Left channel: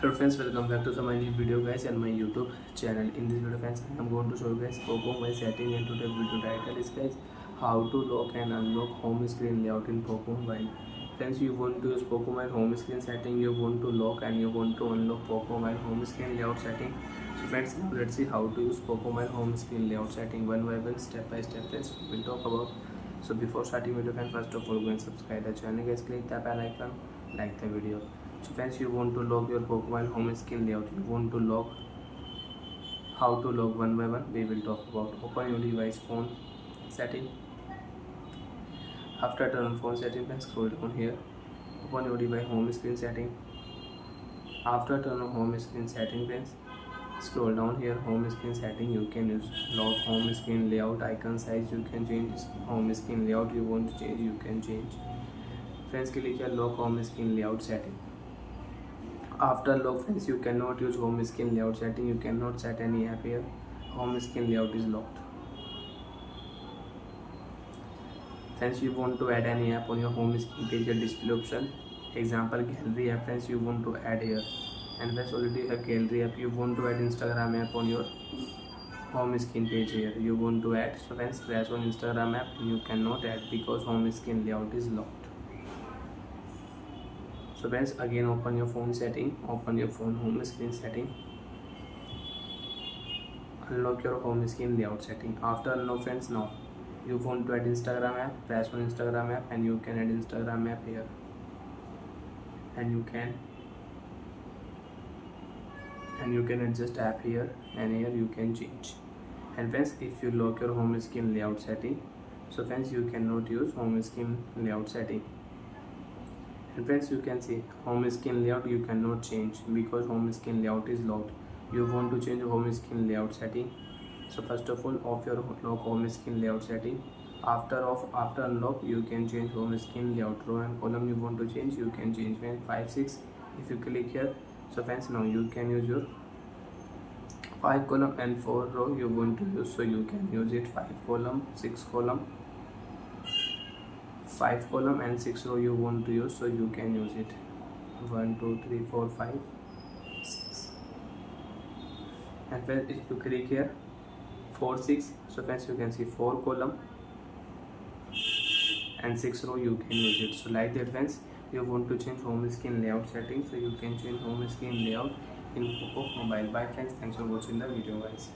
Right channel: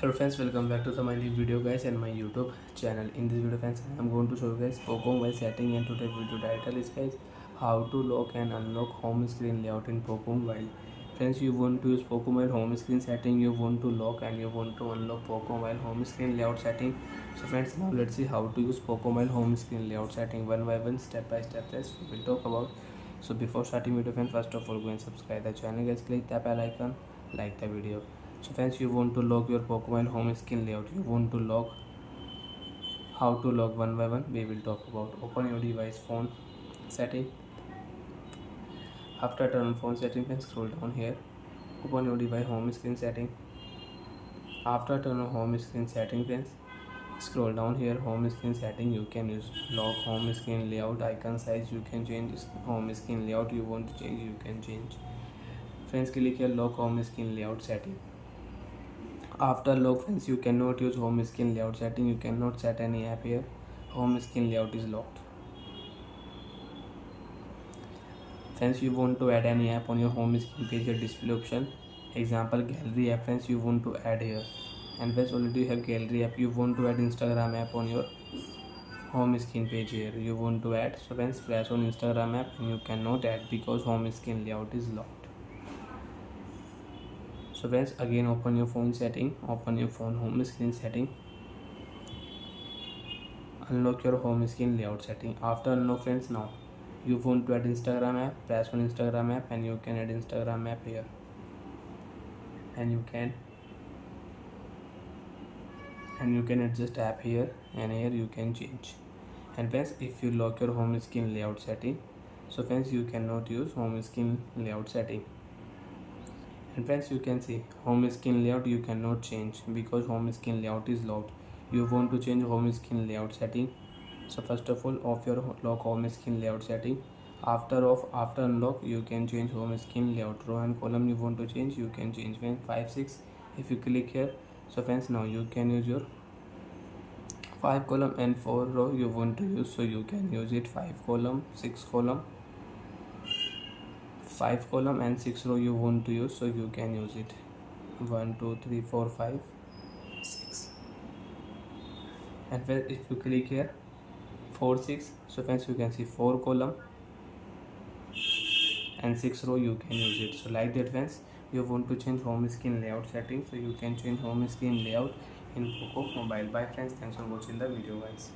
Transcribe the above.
Hello friends, welcome back to my new video guys and my YouTube channel. In this video friends, I am going to show you guys Poco Mobile setting, and today's video title is guys how to lock and unlock home screen layout in Poco Mobile. Friends, you want to use Poco Mobile home screen setting, you want to lock and you want to unlock Poco Mobile home screen layout setting. So friends, now let's see how to use Poco Mobile home screen layout setting one by one, step by step. Yes, we will talk about. So before starting video friends, first of all go and subscribe the channel guys, click the bell icon, like the video. So friends, you want to lock your Poco Mobile home screen layout, you want to lock, how to lock one by one we will talk about. Open your device phone setting. After turn on phone setting, friends, scroll down here, open your device home screen setting. After turn on home screen setting, friends, scroll down here, home screen setting. You can use lock home screen layout, icon size you can change, home screen layout you want to change you can change. Friends, click here lock home screen layout setting. After lock, friends, you cannot use home screen layout setting, you cannot set any app here, home screen layout is locked. Friends, you want to add any app on your home screen page, your display option, example gallery app, friends, you want to add here. And friends, already you have gallery app, you want to add Instagram app on your home screen page here, you want to add. So friends, press on Instagram app and you cannot add because home screen layout is locked. So friends, again open your phone setting, open your phone home screen setting, unlock your home screen layout setting. After unlock, friends, now you want to add Instagram app, press on Instagram app and you can add Instagram app here, and you can adjust app here, and here you can change. And friends, if you lock your home screen layout setting, so friends, you cannot use home screen layout setting. And friends, you can see home screen layout you cannot change because home screen layout is locked. You want to change home screen layout setting, so first of all off your lock home screen layout setting. After unlock, you can change home screen layout. Row and column you want to change, you can change when 5 6 if you click here. So friends, now you can use your 5 column and 4 row you want to use, so you can use it 5 column 6 column, 5 column and 6 row you want to use, so you can use it 1 2 3 4 5 6. And when if you click here 4 6, so friends, you can see 4 column and 6 row you can use it. So like that friends, you want to change home screen layout setting, so you can change home screen layout in Poco Mobile. Bye friends, thanks for watching the video guys.